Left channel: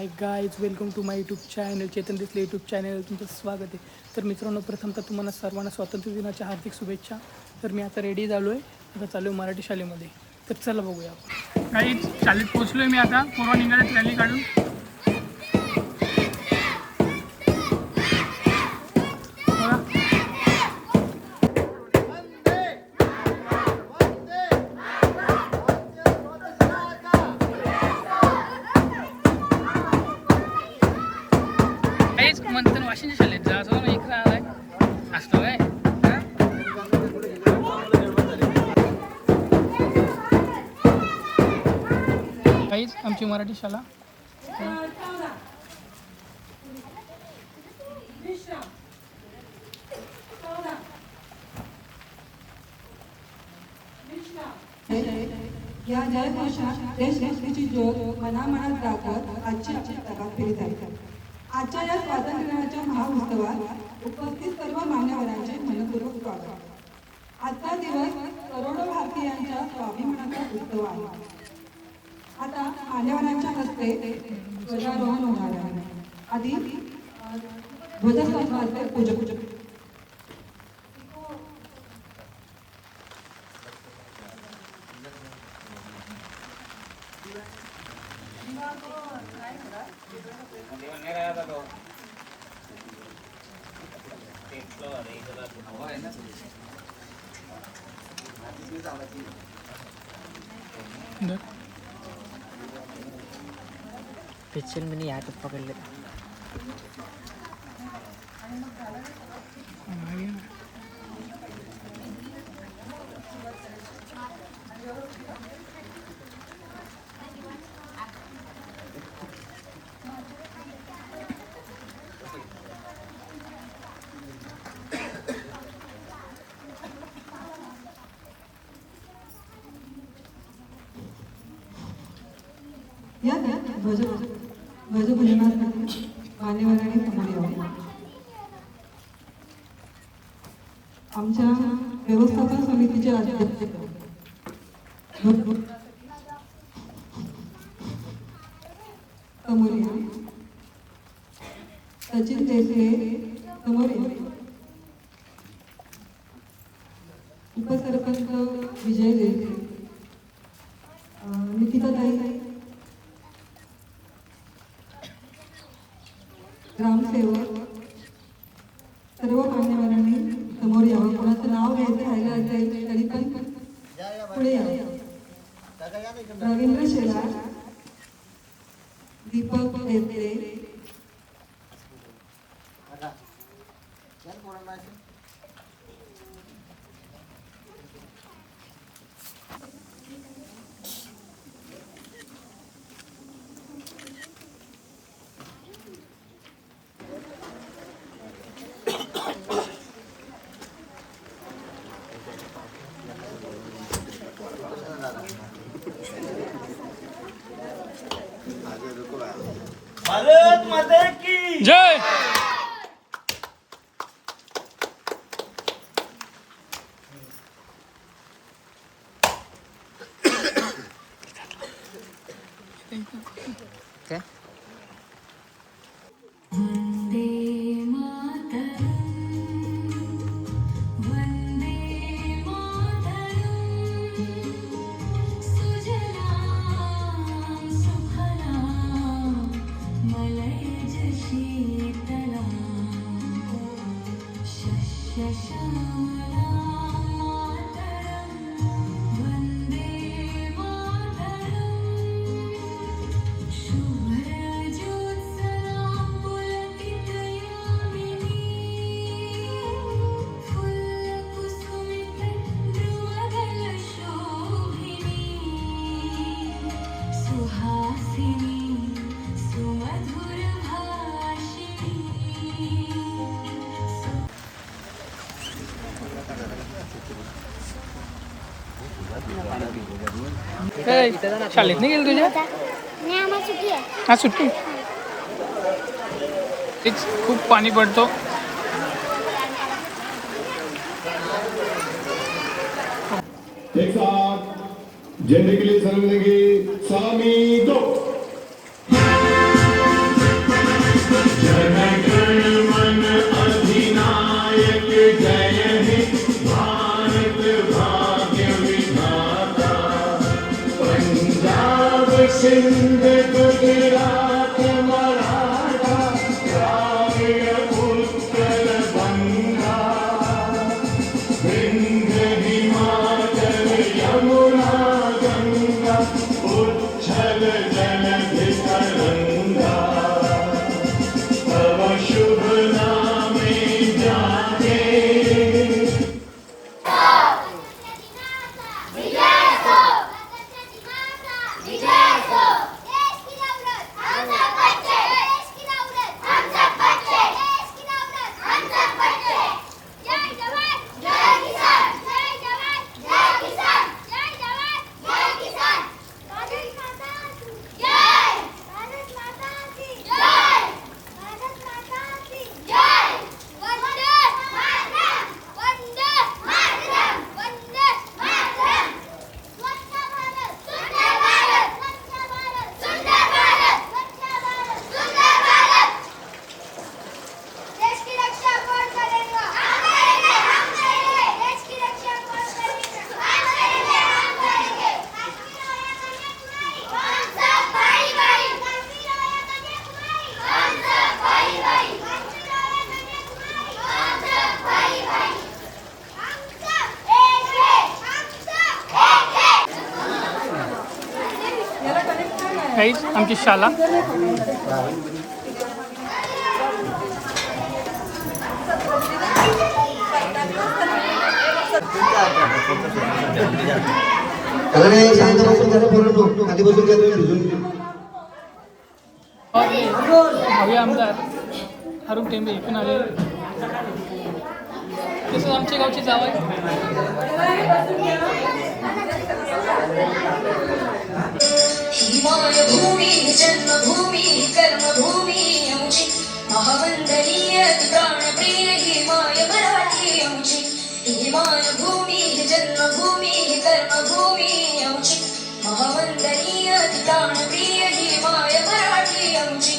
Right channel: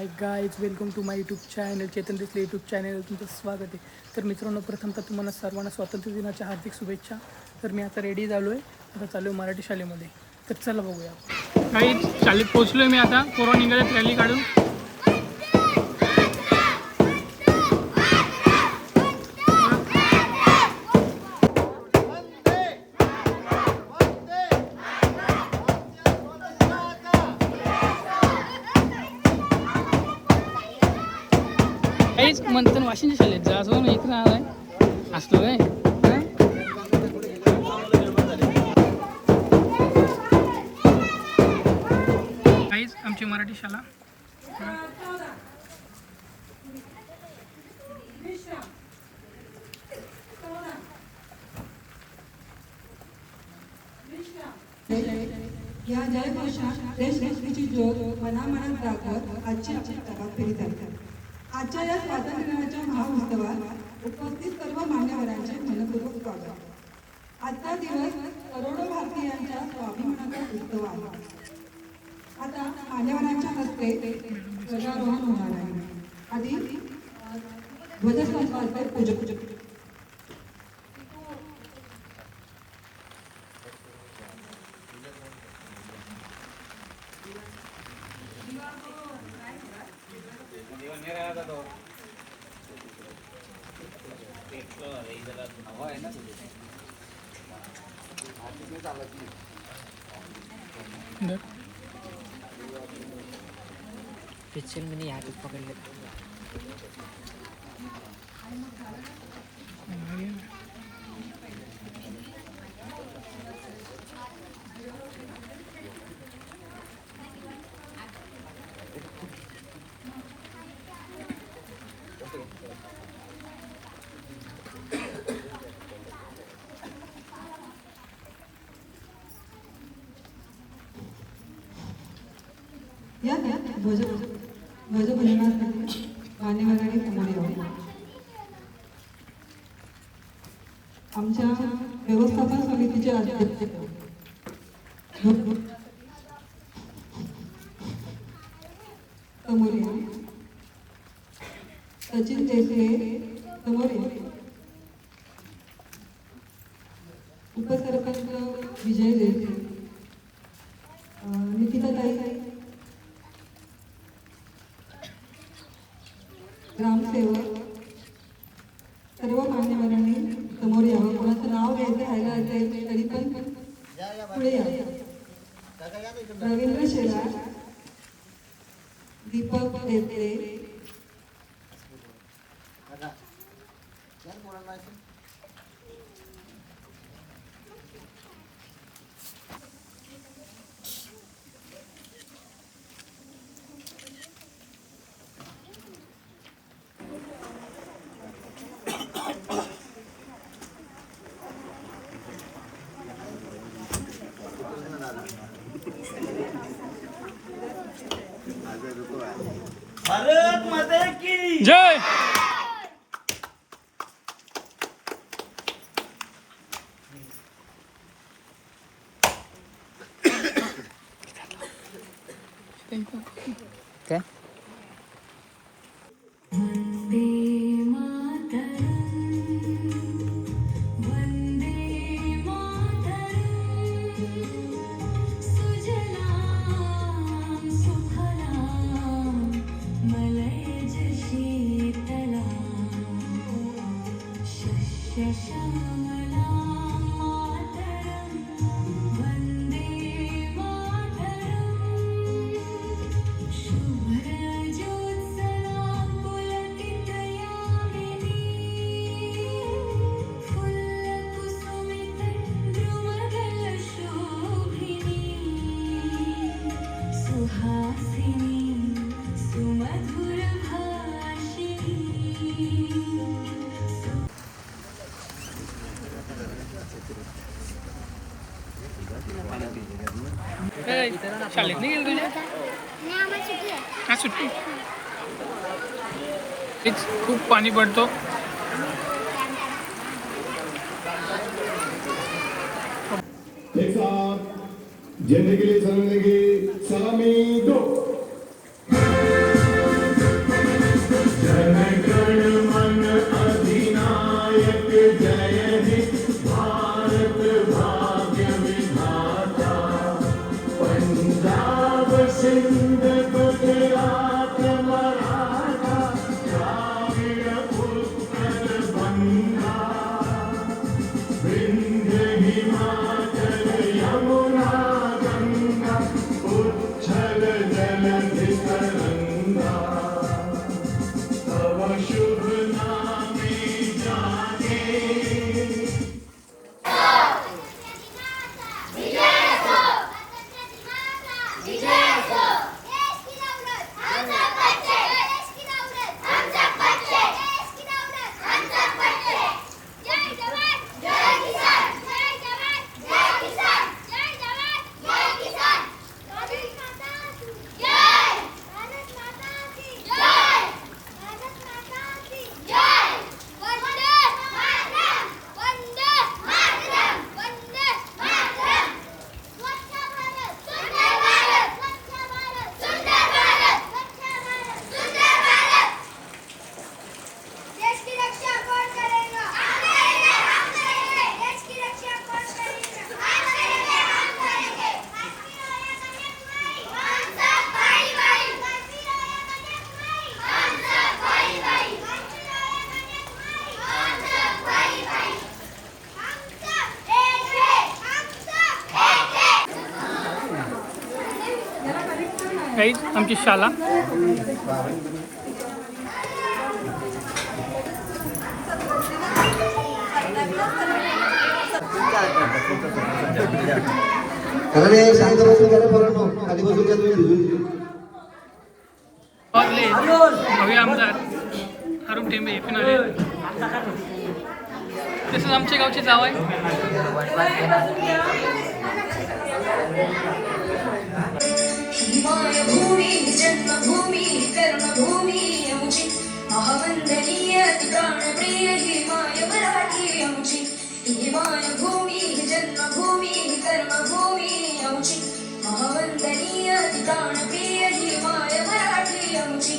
High guys, welcome to my YouTube channel. Chetan Desale YouTube channel तुमचं स्वागत आहे. तर मित्रांनो, प्रथमतः तुम्हाला सर्वांना स्वातंत्र्य दिनाच्या हार्दिक शुभेच्छा. तर मी आता रेडी झालो आहे, आता चालू आहे मराठी शाळेमध्ये. तर चला बघूया आपण. गाईज, शाळेत पोहोचलो आहे मी आता. पोरं निघालेत रॅली काढून. म्हणतात वाशिंच्या शाळेत जा, असं मी इकडे आलाय असतो काय. काहीच आमची मराठी शाळा. या जयघोषा देशभक्तीची ज्योत मनामनात दाखवत आजची आपल्या जगात फिरत आहे. आजच्या या स्वातंत्र्य दिनाच्या महाउत्सवात उपस्थित सर्व मान्यवरांचे मनपूर्वक स्वागत. आजचा दिवस करोडो भारतीयांच्या स्वाभिमानाचा उत्सव आहे. आता मान्यवरांच्या हस्ते ध्वजारोहण होणार आहे. आधी ध्वजस्तंभाचे पूजन. पिक्चर में नहीं आके पकड़ ले. या ध्वजपूजनासाठी मान्यवरांनी समोर यावं. आमच्या व्यवस्थापन समितीचे अध्यक्ष समोर या. सचिन देसले समोर या. उपसरपंच विजय देसले, निकिताताई, ग्रामसेवक, सर्व मान्यवरांनी समोर यावं. कोणाचं नाव घ्यायचं राहिलं असेल तरी पण पुढे यावं. रवींद्र शेलार, दीपक देसले, भारत माता की जय. शाळेत नाही गेली तुझ्या? हा, सुट्टी. तेच खूप पाणी पडतो. एक साथ झंडे के लिए सलामी देंगे. 3, 2 गाईज आमची शाळा. शांत बसून घ्या पोरांनो, खाली बसून घ्या तुम्ही भिजून. हवे आमदार अरुण टेंबे हे पण आले. तसंच आमच्या गावची जाव आहे. भूमी जन्मभूमी कर्मभूमी अमुची महावंदनीय प्राणप्रिय हिमाय मराठी अमुची हिमाय भूमी जन्मभूमी कर्मभूमी अमुची महावंदनीय प्राणप्रिय हिमाय मराठी अमुची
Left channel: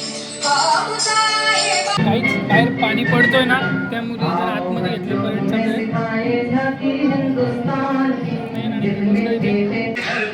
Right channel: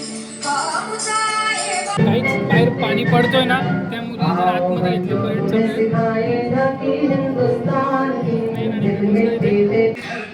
काहीच बाहेर पाणी पडतोय ना, त्यामुळे जर आतमध्ये घेतले पर्यटन चालू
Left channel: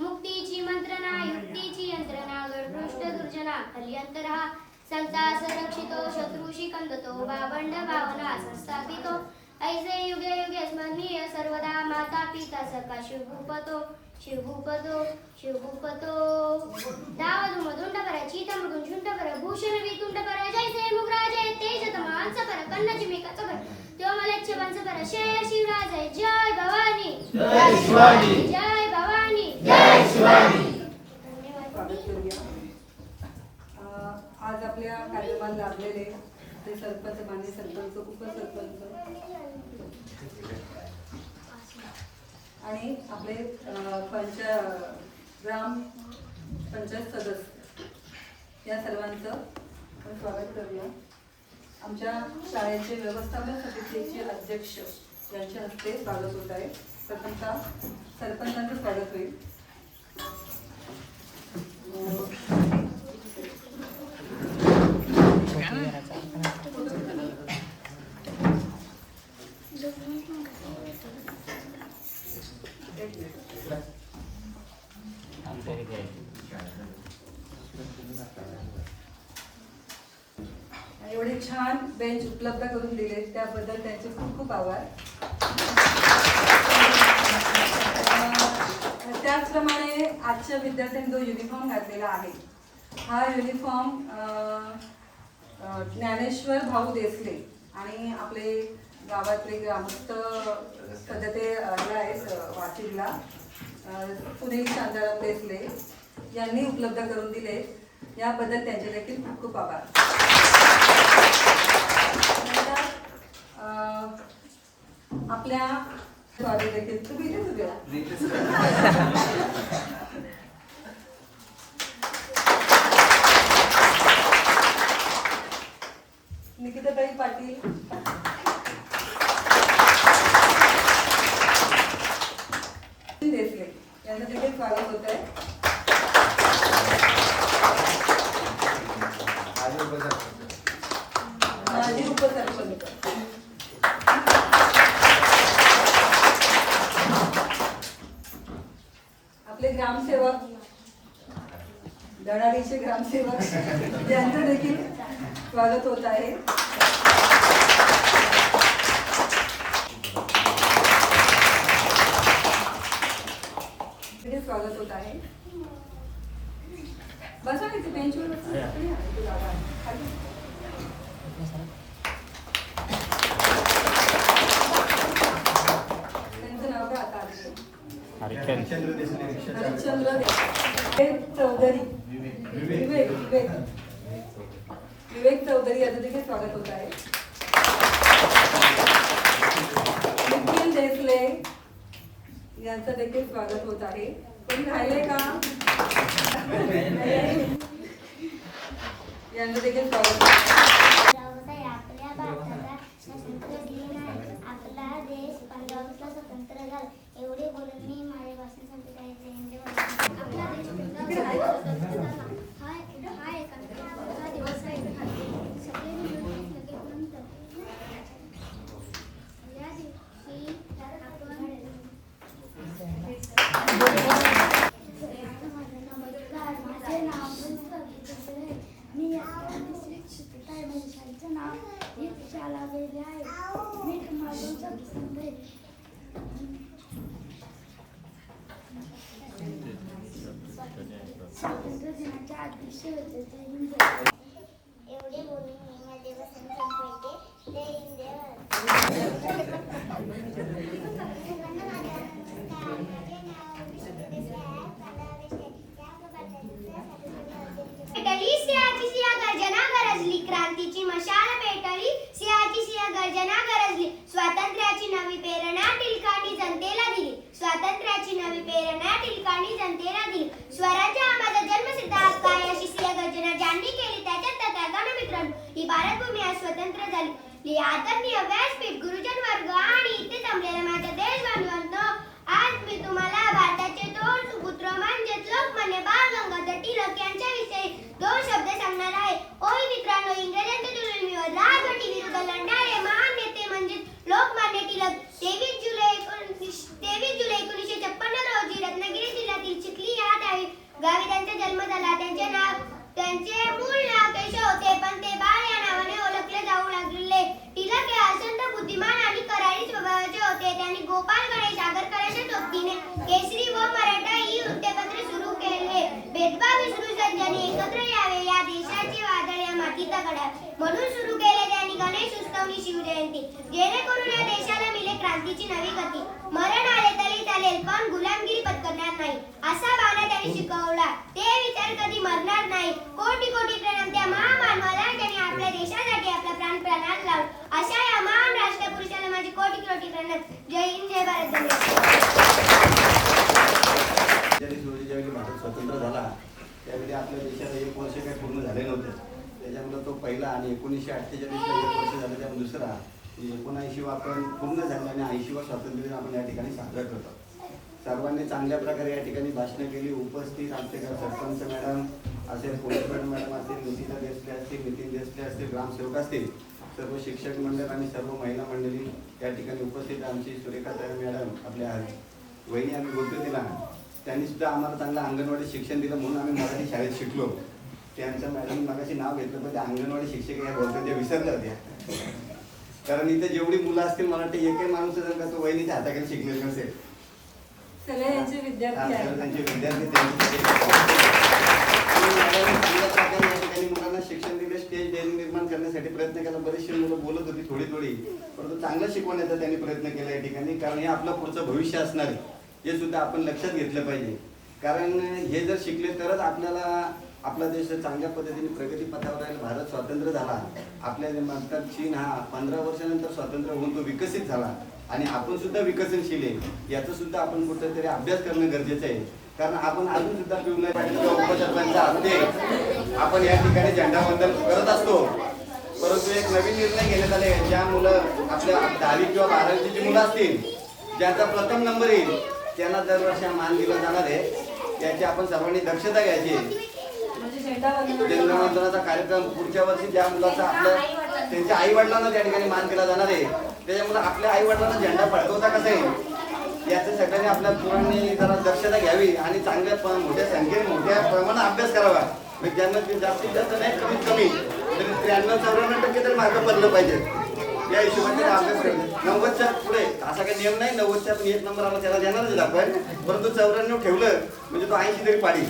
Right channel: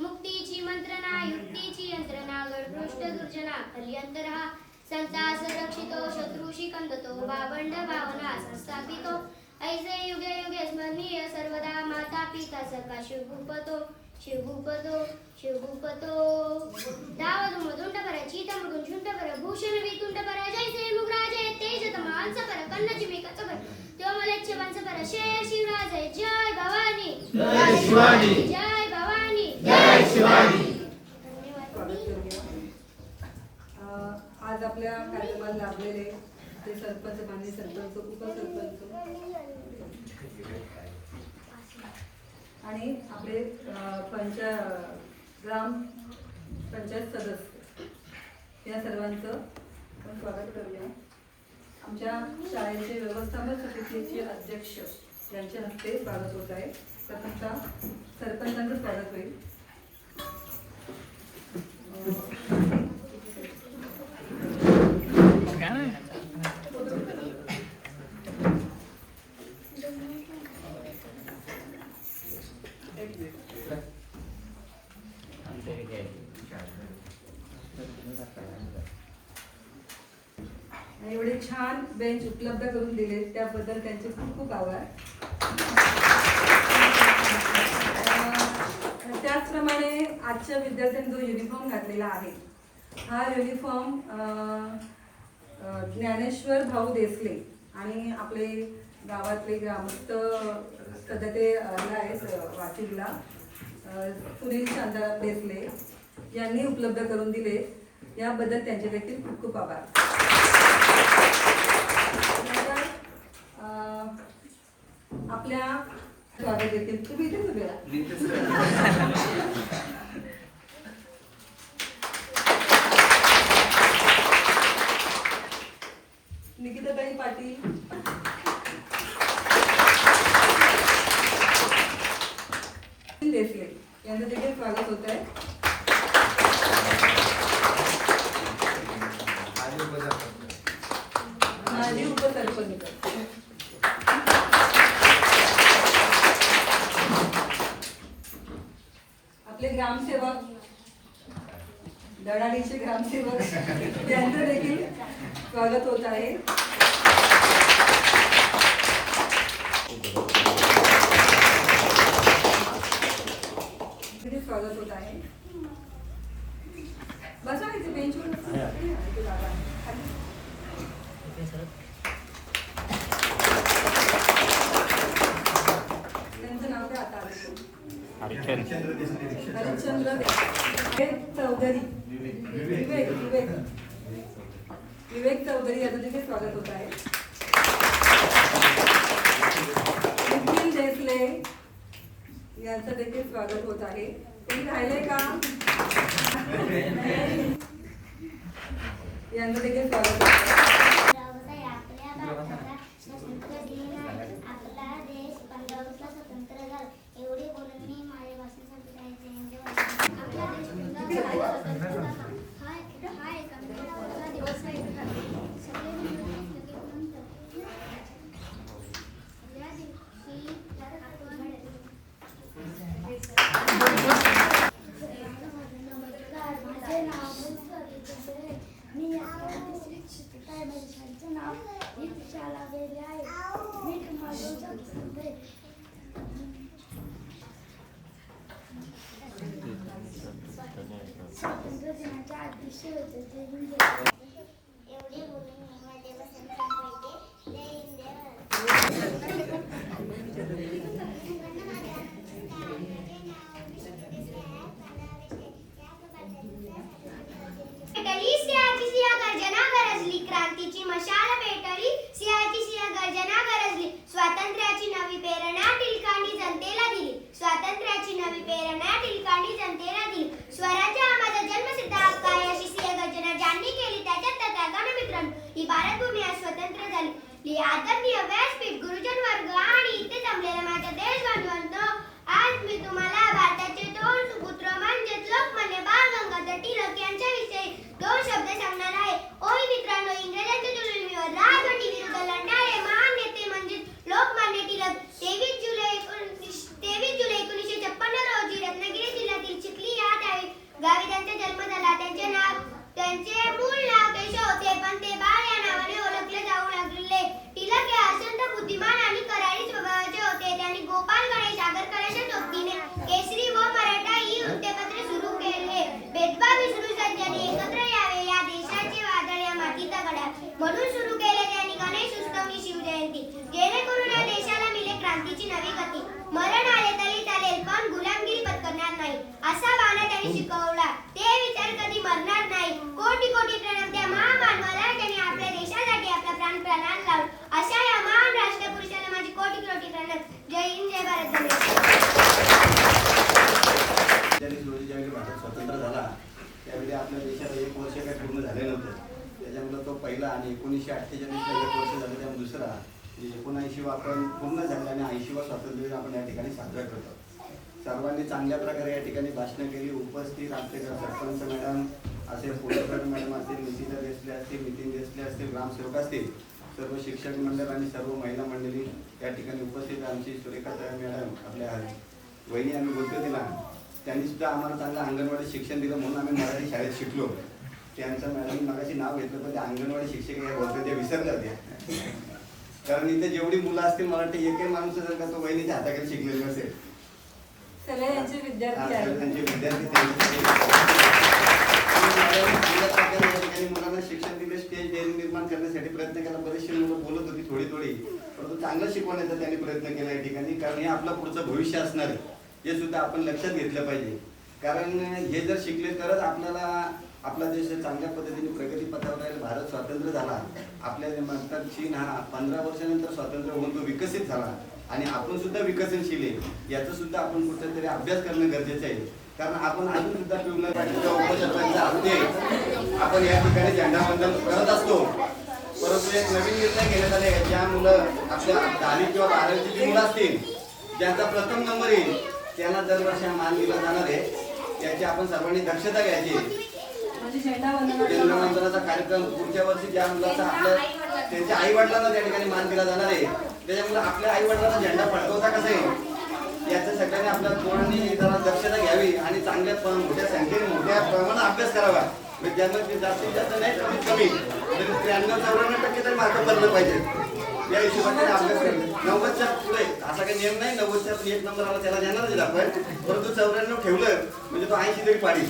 मुक्तीची मंत्रणा युक्तीची यंत्रणा गडपृष्ठ दुर्जना कलियंतरा संता संरक्षितो शत्रुषी कंदतो बाबंड भावना संस्थापितो ऐसे युगे युगे स्मरणीय सर्वदा माता पिता सखा शिवभूपतो शिवभूपतो शिवभूपतो दावद मधुंड पर चीतमृगुं शुंड पर भूषण वितुंड पर जैसे मुगराजे तेज तमांस पर कन्न चिमिका पर त्यो मलेच्छ वंश पर शेर शिवराज जय भवानी जय शिवाजी जय भवानी जय शिवाजी. आज आपल्या कार्यक्रमाला लाभलेले ते सरपंच, मान्य सरपंच, उपसरपंच आणि आपले ग्राम पंचायत सदस्य या सर्वांचं आपण स्वागत करूया. आमच्या शाळेचे व्यवस्थापन समितीचे अध्यक्ष यांच्या हस्ते स्वागत होत आहे. प्रथमतः सरपंचांचं स्वागत होईल. एवढे छान बेंच उपलब्ध करून दिले त्याबद्दल त्यांचे खूप खूप आभार. त्याचप्रमाणे आजच्या विद्यार्थ्यांनी जो युनिफॉर्म घातलेला आहे हा युनिफॉर्म ज्ञानेश्वर भाऊ देसले आणि आपले गावातले ग्रामस्थ सध्या ते आहेत वाशिमला सुनील शांताराम देसले यांनी उपलब्ध करून दिले. याबद्दल त्यांचे देखील खूप खूप आभार. आपल्या स्वागत देखील तुम्ही इथेच उभे राहा. निकिताताई पाटील, देसले यांचं देखील स्वागत होत आहे. माजी उपसरपंच आपले ग्रामसेवक, दडाडीचे ग्रामसेवक यांचं देखील स्वागत होत आहे. स्वागत होत आहे. बसा इथे बेंचवर त्यांचं नाव काय आता हरिश्चंद्र चौधरी, विवेक चौधरी यांचं देखील स्वागत होत आहे. निखिल देसले यांचं देखील स्वागत होत आहे. कोणी राहिले का? यांचं देखील स्वागत होत आहे. आपल्या भारताचा स्वतंत्र दिन आहे. आपला देश 15 ऑगस्टला स्वतंत्र झाला. एवढे बोलून मी माझे भाषण संपत आहे. आपला देश 15 ऑगस्टला स्वतंत्र झाला. हा एकांकिका दिवस आहे. सगळे मिळून या दिवशी गर्जनाच्या अदृश्य होते. जय हिंद जय भारत. एवढे बोलून मी माझे वचन संपवते. जय हिंद जय भारत. पेटली सिंहाची सिंह गर्जना गरजली, क्रांतीची मशाल पेटली, सिंहाची सिंह गर्जना गरजली, स्वातंत्र्याची नवी प्रेरणा टिळकांनी जनतेला दिली, स्वातंत्र्याची नवी प्रेरणा टिळकांनी जनतेला दिली. स्वराज्य हा माझा जन्मसिद्ध हक्क आहे अशी सिंह गर्जना ज्यांनी केली त्याच्यात त्यागानं मित्रांनो ही भारतभूमी आज स्वतंत्र झाली. आदरणीय व्यासपीठ, गुरुजन वर्ग आणि इथे जमलेल्या माझ्या देशबांधवांनो, आज मी तुम्हाला भारताचे दोन सुपुत्र म्हणजेच लोकमान्य बाळ गंगाधर टिळक यांच्याविषयी दोन शब्द सांगणार आहे. ओय मित्रांनो, इंग्रजांच्या जुलुमीवर राजवटी विरुद्ध लढणारे महान नेते म्हणजे लोकमान्य टिळक. 23 जुलै 1956 रोजी रत्नागिरी जिल्ह्यातील चिखली या गावी त्यांचा जन्म झाला. त्यांचे मूळ नाव केशव होते, पण ते बाळ या नावाने ओळखले जाऊ लागले. टिळक हे अत्यंत बुद्धिमान आणि करारी स्वभावाचे होते. त्यांनी गोपाळ गणेश आगरकरांच्या सोबतीने केसरी व मराठा ही वृत्तपत्रे सुरू केले. भेदभाव विसरून सज्जने एकत्र यावे, या देशाचे वादळ या मातीचा घडा म्हणून सुरू केले त्यांनी गणेश उत्सवनी शिवजयंती, जेणेकरून या देशाला मिळे क्रांतीची नवी गती. मरण आले तरी चालेल, पण गुलामगिरी पत्करणार नाही असा बाणा त्यांनी शिकवला. ते विचार कधी मरणार नाही. कोटी कोटी प्रणाम त्या महामानवाला, त्यांनी आपल्या देशासाठी आपला प्राण प्राणाला लावला. अशा या महान राष्ट्रपुरुषाला माझे कोटी कोटी प्रणाम. जय हिंद जय भारत. रोजी ज्यावेळी भारत स्वतंत्र झाला त्यावेळी आपल्या देशात 1 वर्ष काही पूर्ण झाले नव्हते. त्याच्यामुळे तो पहिला आणि 1948ला 1 वर्ष झालं, त्यामुळे दुसरा 79 आपण पूर्ण झाले आणि 80वा स्वातंत्र्य दिन आपण या ठिकाणी साजरा करतो. सर्वांनी चांगल्या प्रकारे या ठिकाणी भाषणं केली. उपस्थित आमचे सरपंच मॅडम असेल, पोलीस मॅडम असतील, नितीता देसले असतील, नितीन देसले असतील, ग्रामसेवक असतील, सर्व शिक्षक मंडळ आणि सर्व महिला मंडळी या ठिकाणी उपस्थित. आमची सुरेखाताई मॅडम आपल्या वहिनी आम्ही बोलतो तिला, त्यांनी सुद्धा आम्हाला चांगलं अंगणवाडी शिक्षण दिलं म्हणून आम्ही मराठी शाळेत शिकलो. त्यांचं मॅडम मगाशी नाव घेतलं, पण ते अंगणवाडी शिक्षक या बोलतो ते विसरल्या होत्या. कारण इथे जेवढी मुलं असतील मराठी एकही माणूस जर का तो वहिनीच्या हाताखाली शिकलेला नसेल. सगळे यांचे विद्यार्थी आहेत. त्यांचे विद्यार्थी चांगल्या प्रकारे या ठिकाणी मुलांना शिक्षण दिले. स्टेज निर्माण करण्यासाठी प्रयत्न केला. बरेचसे मुलं बोलत होती थोडी परंतु चांगलं शिकवण्याचा त्यांनी प्रयत्न केला या ठिकाणी. कारण हे आपलं पुढचं भविष्य असणार आहे, हे सुद्धा आपण लक्षात घेतलं पाहिजे. कारण हे जर शिकले तरच आपल्याला आपला देश चांगल्या पद्धतीने प्रगती पथावर राहील. भारत स्वतंत्र झाला. आपल्या म्हणतात चीन हा 15 वर्षानंतर स्वतंत्र होऊन तो विकसित झाला आणि आपण सुद्धा विकसनशील आहे. याचा सुद्धा आपण कुठेतरी अभ्यास करणं गरजेचं आहे. कारण आपण अजून सुद्धा उपसरपंचा असते आपण या ठिकाणी झेंडावंदन करत असतो. परंतु एक नवीन निर्णय घेण्यात आले, ज्या मुलं आपल्या 10वी किंवा 12वीची जी मुलं असतील, ज्यांचा प्रथम नंबर येईल त्यांना दरवर्षी मान दिला जाणार आहे. याची आपण सर्वांनी दक्षता घ्यायची. झेंडावंदनाचा कार्यक्रम पुढच्या वर्षी ज्या मुलाचा आपल्या त्यांच्या आई वडिलांना त्या ठिकाणी मान दिला जाणार आहे, त्याच्यामुळे आपल्या आई वडिलांना झेंडा फडकवता कसं आहे याचं सगळ्यांनी आपल्या पोरांनी जरा दक्षता घ्यावी आणि चांगल्या मोठ्या संख्येने मोठ्या प्रमाणात अभ्यास करावा. ज्यांना जास्तीत जास्त नाही कमीत कमी तरी 93-94% तरी मार्क पडलं पाहिजे. या हिशोबाने अभ्यास करणे. 90च्या पुढे असा काही नियम नाही. 90च्या पण 1 नंबर आला त्याला देणारच आपण, परंतु 94 ठेवलं म्हणजे तो 80 तरी पाडी.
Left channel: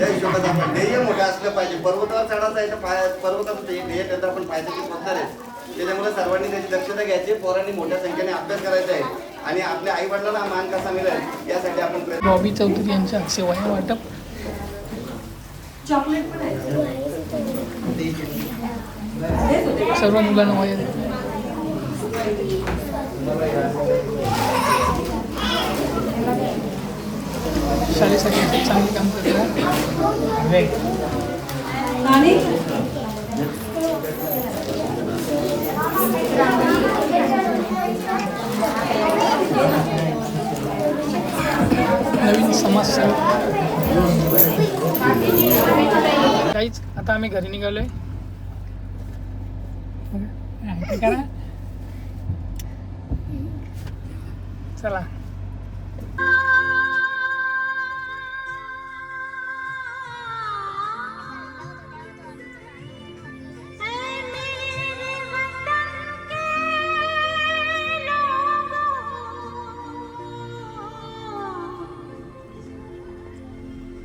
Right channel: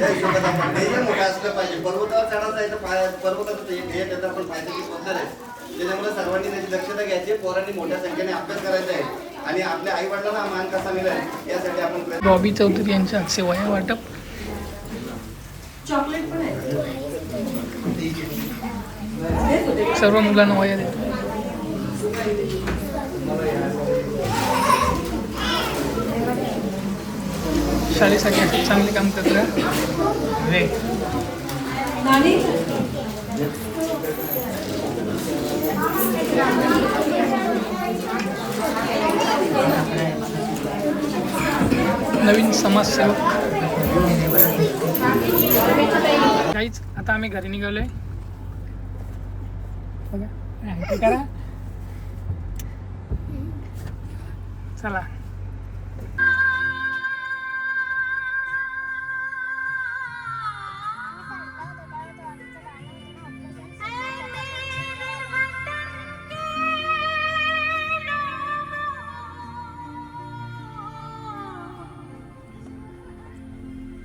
या हिशोबात आपण ध्येय मोठं असलं पाहिजे. पर्वतावर चढायचं आहे तर पर्वताचं एक ध्येय करता आपण पाहिजे पोहोचणार आहे. त्याच्यामुळे सर्वांनी त्याची दक्षता घ्यायची. पोरांनी मोठ्या संख्येने अभ्यास करायचा आहे आणि आपल्या आई वडिलांना मान कसा मिळेल यासाठी आपण प्रयत्न. बॉबी चौधरी यांच्या हस्ते वह्या वाटप. चॉकलेट पण आहे. सर्व मुलांना वह्या देतात. शाळेसाठी चांगले काम करतात. आणि नवीन समाजसेवक. काहीच आता आम्ही घरी निघालोय. बघा करा चला.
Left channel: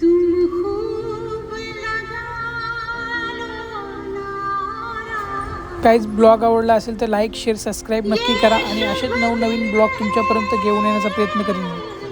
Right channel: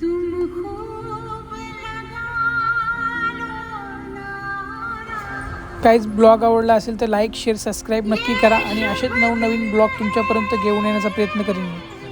तुम खूब काहीच ब्लॉग आवडला असेल तर लाईक शेअर सबस्क्राईब नक्की करा आणि असेच नवनवीन ब्लॉग तुमच्यापर्यंत घेऊन येण्याचा प्रयत्न करीन मी.